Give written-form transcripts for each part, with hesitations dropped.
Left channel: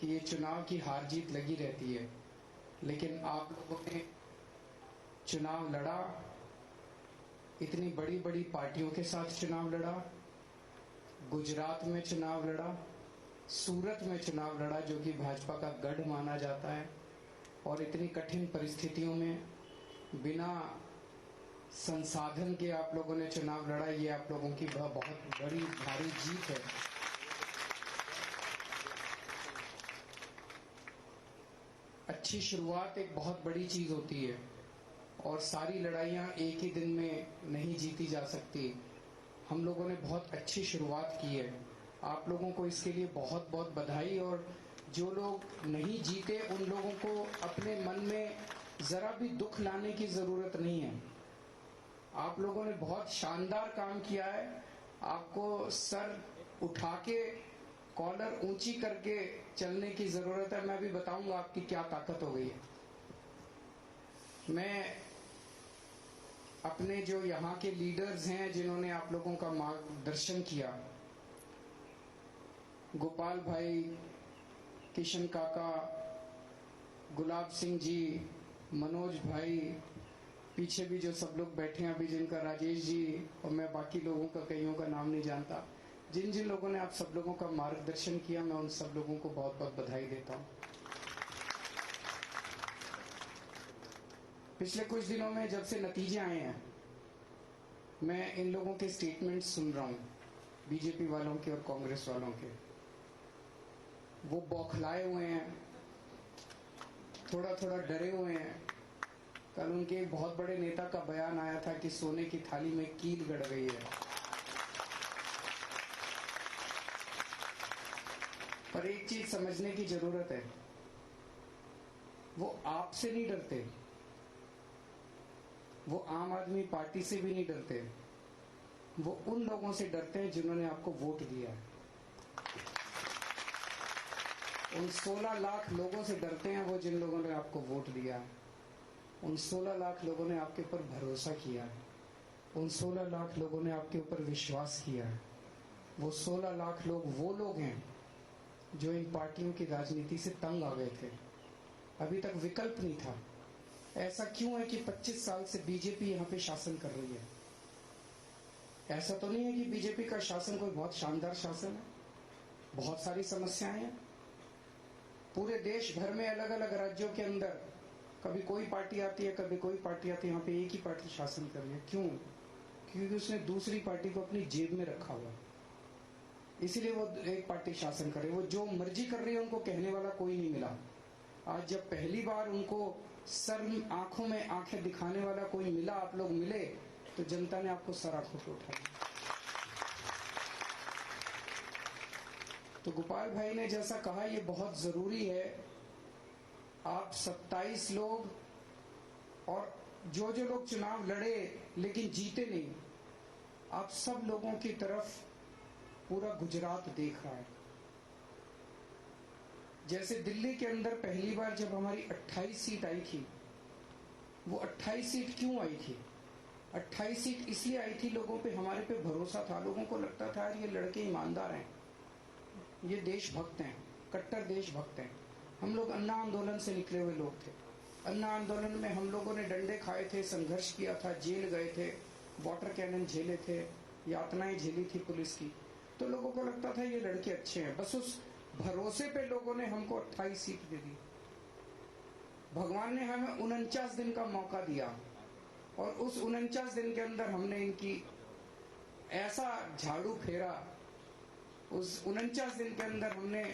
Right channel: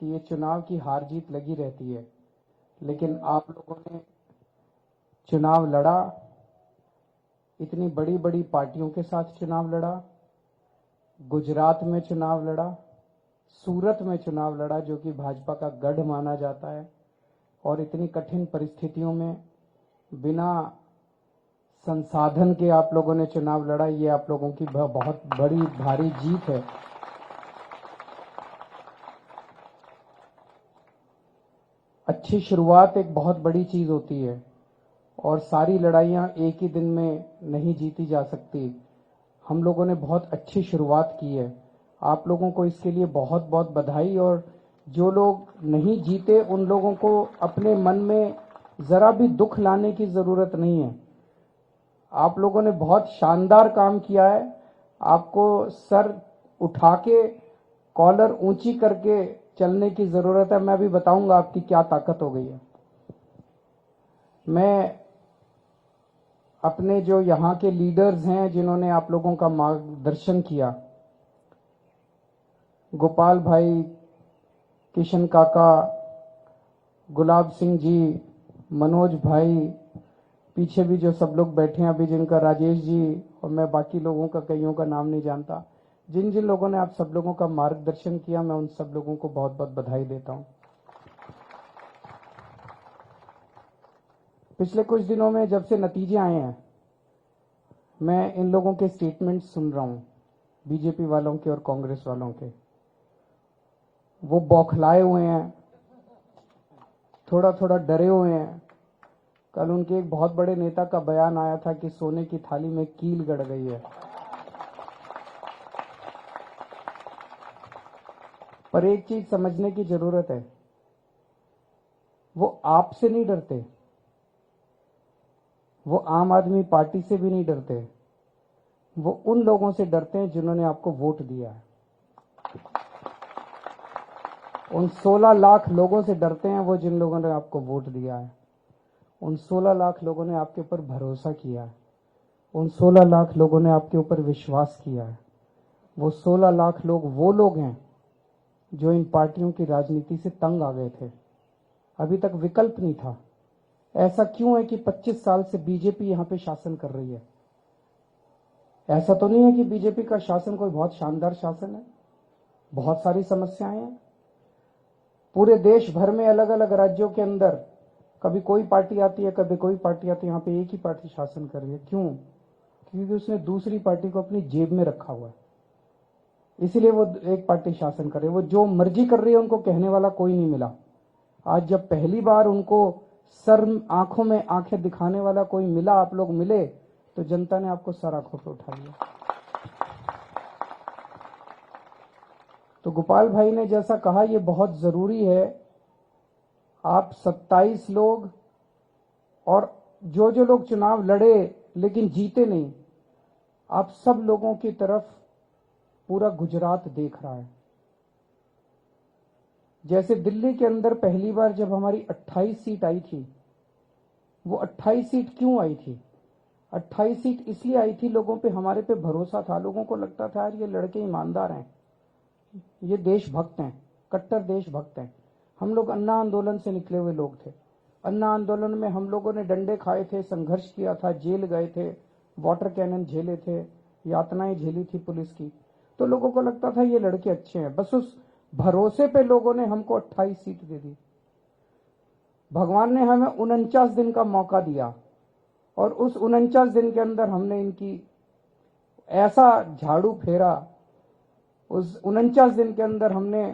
कि ये चुनाव की हार जीत लगी रहती है, लेकिन आप लोगों ने चुनाव लड़ा, इतनी बड़ी बड़ी पार्टियों के साथ चुनाव लड़ा, गुजरात में चुनाव लड़ा, सूरत में चुनाव लड़ा जो कि भाजपा का गढ़ माना जाता है, और इतनी कठिन परिस्थितियों में बिना संसाधन के आप लोगों ने चुनाव लड़ा। ये आप लोगों की बहुत बड़ी भारी जीत है। अच्छी शुरुआत एक बहुत बड़ी चीज होती है, और सारी लड़ाइयां एक ही दिन में नहीं जीती जा सकती। हम लोगों ने बहुत अच्छी शुरुआत की है, आप लोगों को इसके लिए बहुत बहुत बधाई। और जो लोग नहीं जीते उन लोगों को अपने मन में जरा भी दुख लाने की जरूरत नहीं है। आप लोगों ने बहुत शानदार काम किया है। आपको सर उठा के, कॉलर ऊंची करके चलने की जरूरत है। मैं अभी बताऊंगा आपकी क्या ताकत हो गई है। मैं अपने जो यहाँ के लीडर्स हैं जिन्होंने आप लोगों का मार्गदर्शन किया, गोपाल भाई, किशन काका, गुलाब सिंह जी, मनोज भाई, पीछे भी जो सब लोग बैठे हैं अभी, जिनका राजेश जी, और मैं बाकी लोगों का कईयों का नाम नहीं जानता, जिन जिन लोगों ने आप सब लोगों का मार्गदर्शन किया, मैं उन सब लोगों को बहुत बहुत बधाई देता हूं। पिछले कुछ दिनों में जब से नतीजे आए हैं, मैं इन लोगों के स्टेटमेंट सुन रहा हूं, बीजेपी वालों के और कांग्रेस वालों के। वो बौखलाए हुए हैं, थोड़ा थोड़ा डरे हुए हैं। कल उनके एक बहुत बड़े नेता का बयान आया था कि सोने की थाली में कील गड़ गई है। पर एक चीज समझने की जरूरत है, वो आपसे नहीं डरते, वो आम आदमी पार्टी से भी नहीं डरते, वो उन लोगों से डरते हैं जिन्होंने आपको वोट दिया है। उन 16 लाख लोगों से डरते हैं वो जिन लोगों ने आपको वोट दिया है। उन 16 लाख लोगों ने आपके ऊपर भरोसा किया है। उन 16 लाख लोगों ने आपके ऊपर विश्वास किया है। वो 16 लाख लोग वो लोग हैं जो इन पार्टियों की राजनीति से तंग आ गए थे। अभी तक विकल्प नहीं था। ऐसा क्यों है कि 25 साल से बीजेपी यहां पे शासन कर रही है? ऐसा तो नहीं है कि बीजेपी का शासन कोई बहुत शानदार शासन है। बहुत सारी समस्याएं हैं पूरे देश भर में, अलग अलग राज्यों के अंदर। कभी कोई पार्टी आती है, कभी कोई पार्टी आती है, यहाँ पे एक ही पार्टी शासन कर रही है। क्यों? क्योंकि उसने दूसरी पार्टी को अपनी जेब में रखा हुआ है, इसीलिए वो एक पार्टी शासन कर रही है। वो जो मर्जी कर रही है, उनको कहने वाला कोई नहीं मिला। आज जब पहली बार उनको सर आंखों में आंखें दिखाने वाला कोई मिला, आप लोग मिले, तो जनता ने आपको सर आंखों पे उठा लिया। तो गोपाल भाई ने जैसा कहा, ये बहुत जरूरी है। आप 27 लोग, और जो जो लोग चुनाव लड़े लेकिन जीते नहीं, आप सब लोगों की तरफ पूरा गुजरात देख रहा है। जैसे दिल्ली के अंदर पहली बार जब हमारी 28 सीट आई थी, वो 28 सीट क्यों आई थी? 28 सीट इसलिए आई थी, लोगों पे, हमारे पे भरोसा था। लोगों को लगता था यार ये लड़के ईमानदार हैं, ये देशभक्त हैं, कट्टर देशभक्त हैं। हम लोग अन्ना आंदोलन से निकले हुए लोग थे। अन्ना आंदोलन में हम लोगों ने डंडे खाए थे, संघर्ष किया था, जेल गए थे, वाटर कैनन झेले थे, यातनाएं झेली थी पुलिस की। तो लोगों को लगता था ये लड़के अच्छे हैं। बस उस भरोसे पे लोगों ने हमको 28 सीट दे दी। भगवान ने हमें 49 दिन का मौका दिया, और उस 49 दिन के अंदर हमने इनकी ऐसा झाड़ू फेरा। उस 49 दिन के अंदर हमने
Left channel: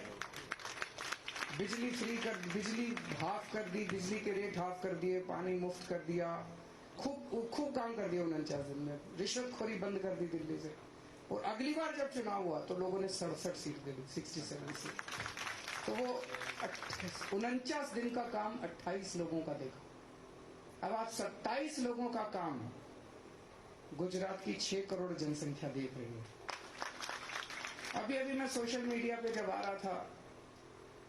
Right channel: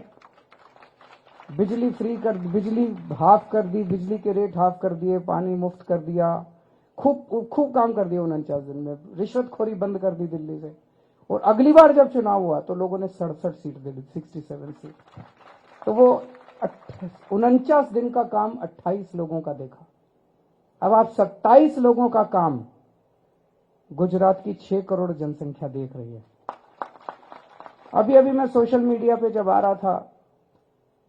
बिजली फ्री कर, बिजली हाफ कर दी, बिजली के रेट हाफ कर दिए, पानी मुफ्त कर दिया, खूब खूब काम कर दिया 49 दिन में। रिश्वतखोरी बंद कर दी दिल्ली से। और अगली बार जब चुनाव हुआ तो लोगों ने 67 सीट दे दी, 67 सीट। तो वो 49 दिन का काम 28 लोगों का देखा। अब आप 27 लोगों का काम गुजरात की 6 करोड़ जनसंख्या देख रही है। अभी अभी मैं सोशल मीडिया पे जब आ रहा था,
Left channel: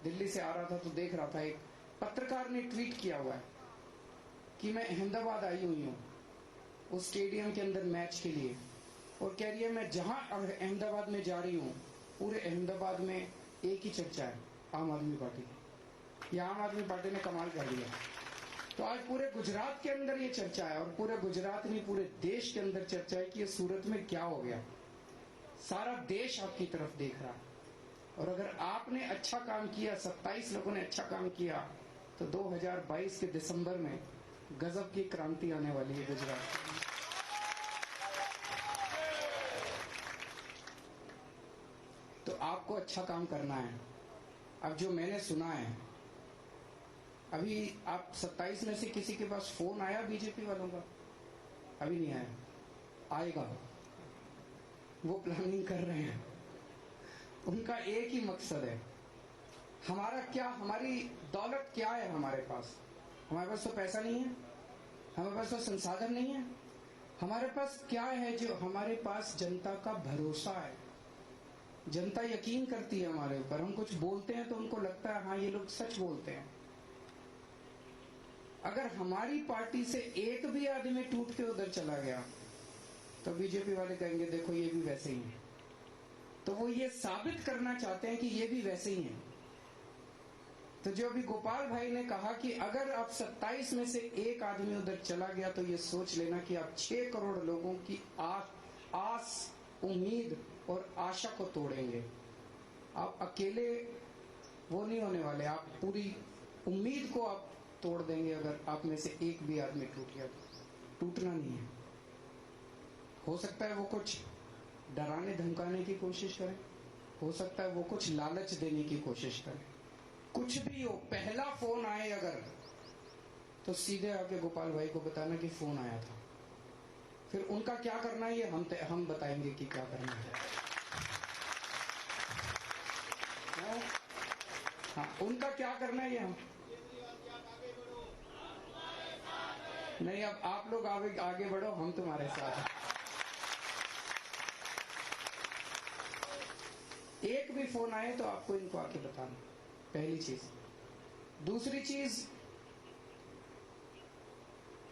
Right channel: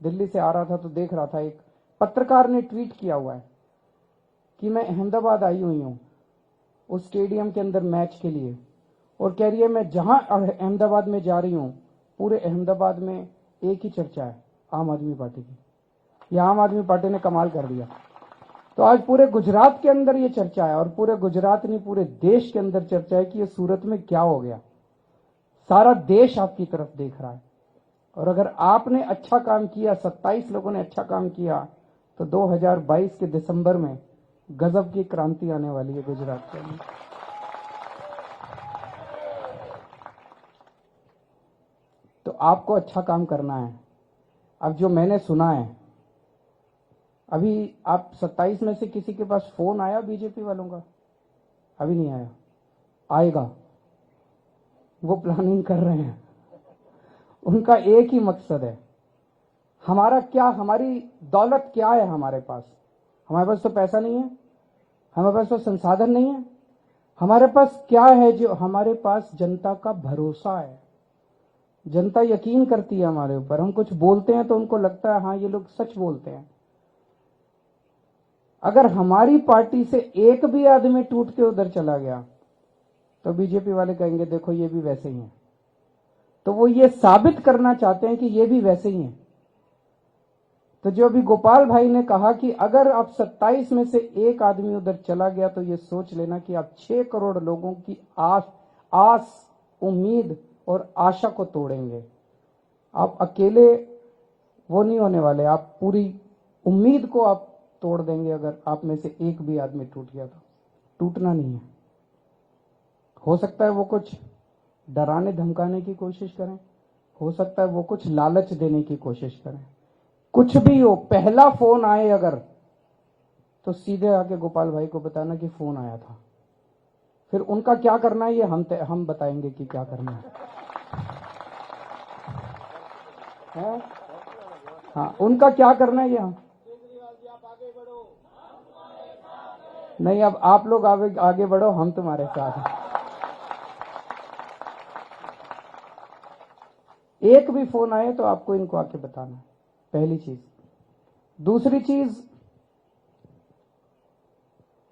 दिल्ली से आ रहा था, तो देख रहा था एक पत्रकार ने ट्वीट किया हुआ है कि मैं अहमदाबाद आई हुई हूँ उस स्टेडियम के अंदर मैच के लिए, और कह रही है मैं जहां अहमदाबाद में जा रही हूँ, पूरे अहमदाबाद में एक ही चर्चा है, आम आदमी पार्टी की। ये आम आदमी पार्टी ने कमाल कर दिया। तो आज पूरे गुजरात के अंदर ये चर्चा है, और पूरे गुजरात नहीं पूरे देश के अंदर चर्चा है कि ये सूरत में क्या हो गया। सारा देश आपकी तरफ देख रहा है। और अगर आपने अच्छा काम किया, 27 लोगों ने अच्छा काम किया, तो 2022 के दिसंबर में गजब की क्रांति आने वाली है गुजरात के अंदर। तो आपको अच्छा काम करना है। अब जो मैंने सुना है, अभी आप 27 में से किसी के पास फोन आया बीजेपी वालों का? अभी नहीं आया, आएगा। वो प्लानिंग कर रहे हैं। उनका एक ही मकसद है, हमारा क्या, हमारी दौलत क्या है हमारे पास? हमारे पास तो पैसा नहीं है, हमारे पास तो संसाधन नहीं है। हमारे पास क्या है? जो हमारे पास जनता का भरोसा है। जनता यकीन करती है हमारे ऊपर। हम कुछ बोलते हैं तो उनको लगता है हाँ ये लोग सच बोलते हैं। अगर हमारी पार्टी से एक भी आदमी टूट के उधर चला गया तो बीजेपी वाले कहेंगे देखो ये भी वैसे ही हैं। तो वो ये साबित करना चाहते हैं कि ये भी वैसे ही हैं। तो जो अभी गोपाल भाई ने कहा कि अगर आप 27 में से एक आदमी उधर चला गया तो ये सोच लेना कि आप 6 करोड़ लोगों की आस, उम्मीद और आशा को तोड़ेंगे। आप अकेले वो नहीं होने वाले, आप पूरी उम्मीद को आप तोड़ देंगे। अगर आप में से एक भी आदमी टूट गया तो टूटना नहीं है। हो सकता है वो कुछ डराने धमकाने की कोशिश करें, हो सकता है वो कुछ लालच देने की कोशिश करें, कुछ भी हो। पहला फोन आए अगर, तो सीधे आके गोपाल भाई को बताना कि फोन आया था। फिर उनका क्या करना है ये हम बताएंगे कि क्या करना है। हाँ, उनका क्या करना है ये हम नहीं। अब आप लोग आगे बढ़ो, हम तुम्हारे साथ हैं। एक भी फोन आए तो आपको इनको आके बताना, पहली चीज। दूसरी चीज,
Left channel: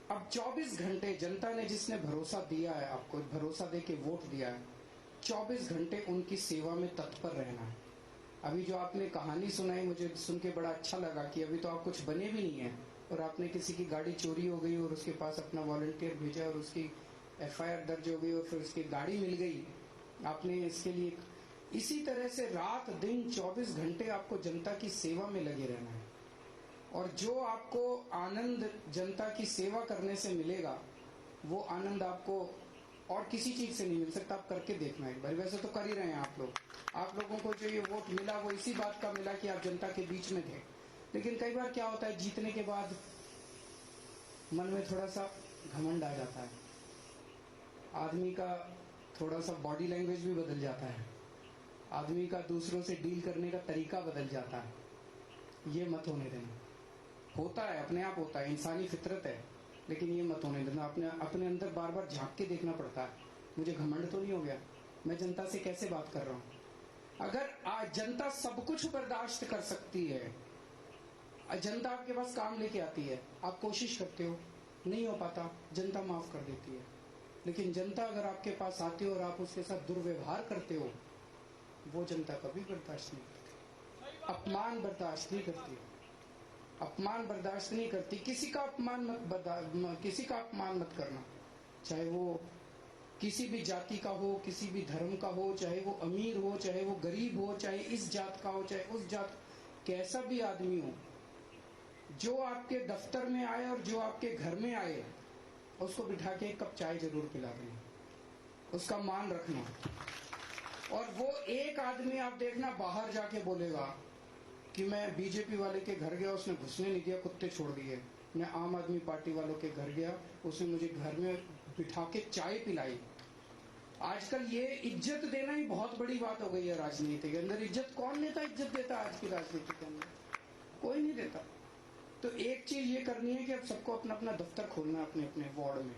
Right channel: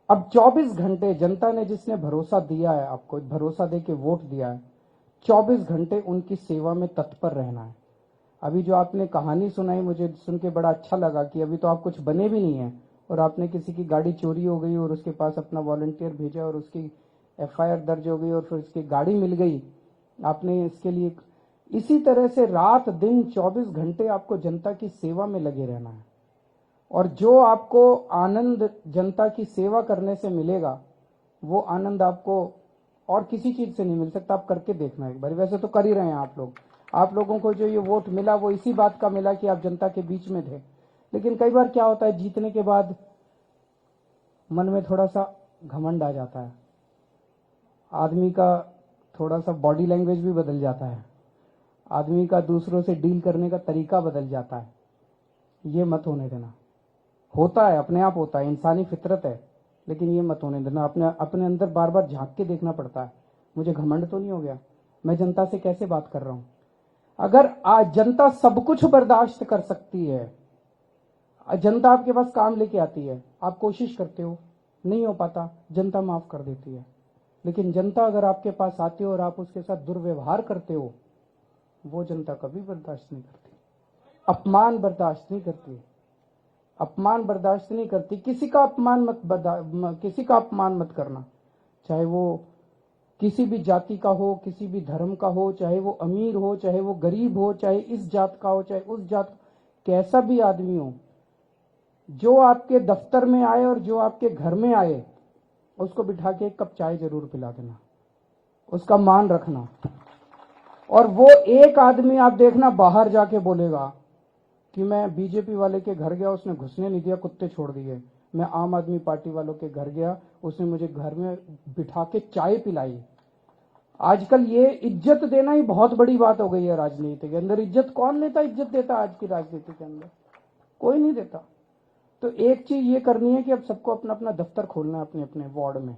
अब 24 घंटे जनता ने जिसने भरोसा दिया है आपको, भरोसा दे के वोट दिया है, 24 घंटे उनकी सेवा में तत्पर रहना है। अभी जो आपने कहानी सुनाई मुझे सुन के बड़ा अच्छा लगा कि अभी तो आप कुछ बने भी नहीं है और आपने किसी की गाड़ी चोरी हो गई और उसके पास अपना वॉलंटियर भेजा और उसकी एफआईआर दर्ज हो गई और फिर उसकी गाड़ी मिल गई। आपने इसके लिए इसी तरह से रात दिन 24 घंटे आपको जनता की सेवा में लगे रहना है। और जो आपको आनंद जनता की सेवा करने से मिलेगा वो आनंद आपको और किसी चीज से नहीं मिल सकता। आप करके देखना एक बार। वैसे तो कर ही रहे हैं आप लोग। आप लोगों को जो ये वोट मिला वो इसी बात का मिला कि आप जनता के बीच में थे। लेकिन कई बार क्या होता है, जीतने के बाद मन में थोड़ा सा घमंड आ जाता है, आदमी का थोड़ा सा बॉडी लैंग्वेज भी बदल जाता है, आदमी का दूसरों से डील करने का तरीका बदल जाता है। ये मत होने देना। होता है, अपने आप होता है, इंसानी फितरत है, लेकिन ये मत होने देना। अपने अंदर बार बार झांक के देखना पड़ता है, मुझे घमंड तो नहीं हो गया, मैं जनता से कैसे बात कर रहा हूँ। अगर आज जनता सब कुछ बर्दाश्त कर सकती है, जनता आपके पास काम लेके आती है, आप कोशिश करते हो, नहीं हो पाता, जनता माफ कर देती है। लेकिन जनता अगर आपके पास आती हो और आप उसके साथ दुर्व्यवहार करते हो, वो जनता कभी बर्दाश्त नहीं करती। अपमान बर्दाश्त नहीं करती, अपमान बर्दाश्त नहीं करती। किसी का अपमान मत करना, चाहे वो किसी भी जाति का हो, किसी भी धर्म का हो, चाहे वो अमीर हो, चाहे वो गरीब हो, चाहे इस जात का हो, चाहे उस जात, कैसा भी आदमी हो। जो आपके दफ्तर में आए और जो आपके घर में आए, उसको बिठा के एक कप चाय जरूर पिला देना, उसका मान रखना। और वो एक आदमी आप देखना बाहर जाके बोलेगा कि मैं बीजेपी वाले के घर गया, उसने घुसने नहीं दिया, कुत्ते छोड़ दिए। मैं आम आदमी पार्टी वालों के घर गया, उसने मुझे घर में बिठा के चाय पिलाई। आजकल ये इज्जत देना ही बहुत बड़ी बात हो गई है राजनीति के अंदर। इज्जत कौन लेता, इज्जत देता आज की राजनीति के अंदर? कोई नहीं देता। तो एक चीज ये करनी है कि अब सबको अपना अपना दफ्तर खोलना है अपने अपने वार्ड में।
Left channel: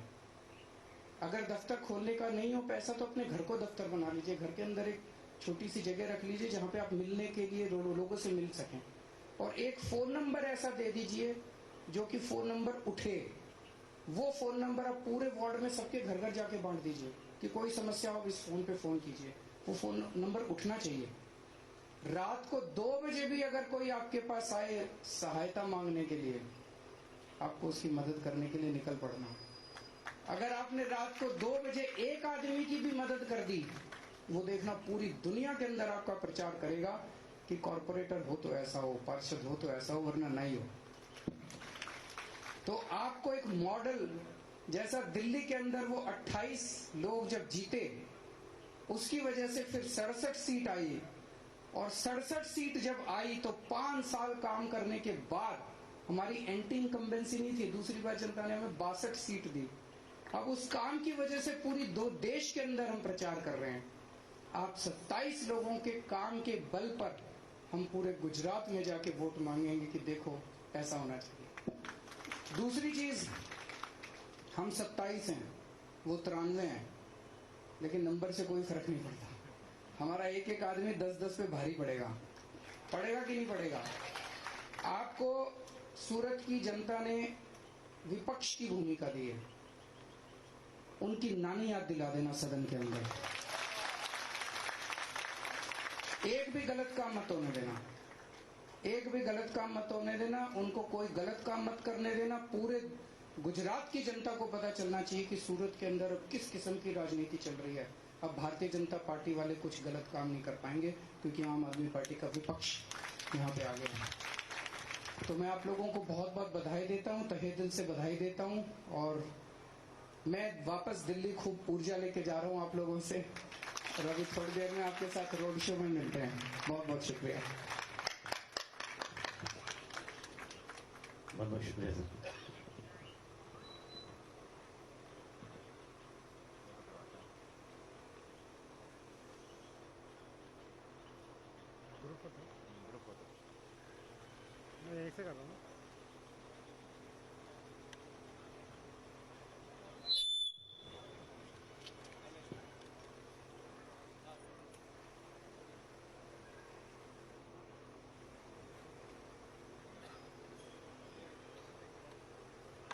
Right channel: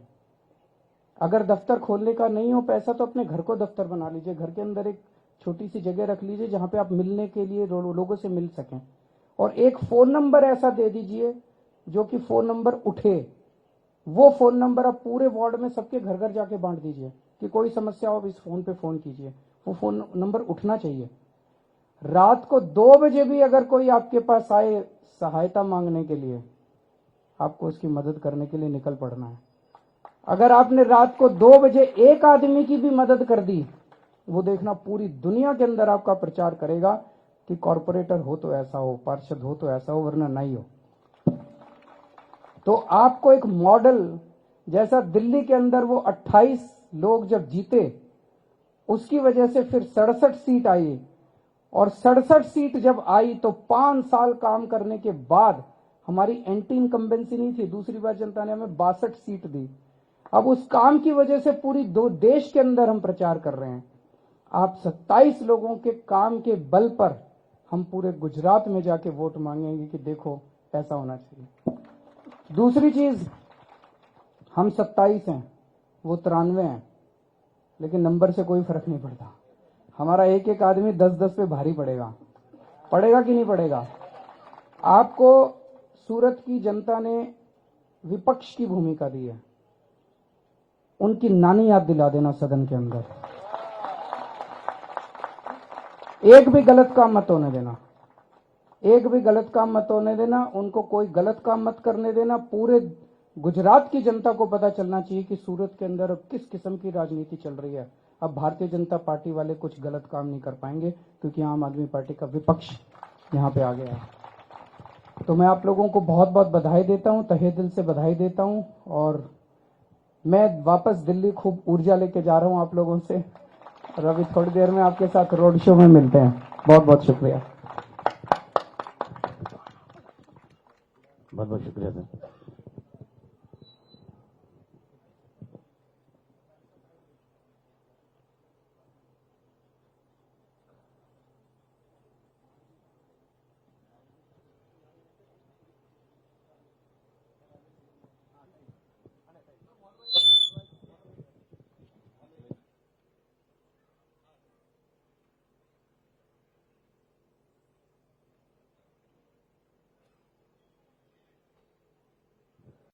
अगर दफ्तर खोलने का नहीं हो पैसा तो अपने घर को दफ्तर बना लीजिए, घर के अंदर एक छोटी सी जगह रख लीजिए जहां पे आप मिलने के लिए लोगों से मिल सकें। और एक फोन नंबर ऐसा दे दीजिए जो कि फोन नंबर उठे। वो फोन नंबर आप पूरे वार्ड में सबके घर घर जाके बांट दीजिए कि कोई समस्या हो इस फोन पे फोन कीजिए। वो फोन नंबर उठना चाहिए। रात को 2 बजे भी अगर कोई आपके पास आए सहायता मांगने के लिए, आपको उसकी मदद करने के लिए निकल पड़ना है। अगर आपने रात को 2 बजे एक आदमी की भी मदद कर दी, वो देखना पूरी दुनिया के अंदर आपका प्रचार करेगा कि कॉरपोरेटर हो तो ऐसा हो, पार्षद हो तो ऐसा हो, वरना नहीं हो। तो आपको एक मॉडल, जैसा दिल्ली के अंदर वो 28 लोग जब जीते, उसकी वजह से फिर 67 सीट आई, और 67 सीट जब आई तो 5 साल काम करने के बाद हमारी एंटी इनकम्बेंसी नहीं थी, दूसरी बार जनता ने हमें 62 सीट दी। अब उस काम की वजह से पूरी दो देश के अंदर हम प्रचार कर रहे हैं। आप 27 लोगों के काम के बल पर हम पूरे गुजरात में जाके वोट मांगेंगे कि देखो ऐसा होना चाहिए। दूसरी चीज, हम 27 हैं, वो 93 हैं, लेकिन नंबर से कोई फर्क नहीं पड़ता। हमारा एक एक आदमी 10-10 पे भारी पड़ेगा। पड़ेगा कि नहीं पड़ेगा? आपको सूरत की जनता ने विपक्ष की भूमिका दी है, उनकी नानी याद दिला देना सदन के अंदर। एक भी गलत काम मत होने देना, एक भी गलत काम मत होने देना, उनको कोई गलत काम मत करने देना। पूरे गुजरात की जनता को पता चलना चाहिए कि सूरत के अंदर अब किस किस्म की राजनीति चल रही है। अब भारतीय जनता पार्टी वाले कुछ गलत काम नहीं कर पाएंगे, क्योंकि आम आदमी पार्टी का विपक्ष यहाँ पे आ गया है। तो मैं आप लोगों को बहुत बहुत बधाई देता हूँ, तहे दिल से बधाई देता हूँ, और मैं वापस दिल्ली खूब ऊर्जा लेके जा रहा हूँ आप लोगों से, और अभी थोड़ी देर में आपके साथ रोड शो में मिलते हैं। बहुत बहुत शुक्रिया। बहुत बहुत शुक्रिया सर।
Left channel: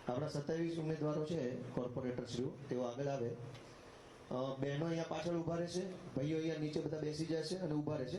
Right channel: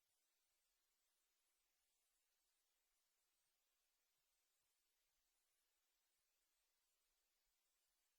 આપણા 27 ઉમેદવારો છે કોર્પોરેટરશ્રીઓ, તેઓ આગળ આવે. બહેનો અહીંયા પાછળ ઊભા રહેશે, ભાઈઓ અહીંયા નીચે બધા બેસી જશે અને ઊભા રહેશે.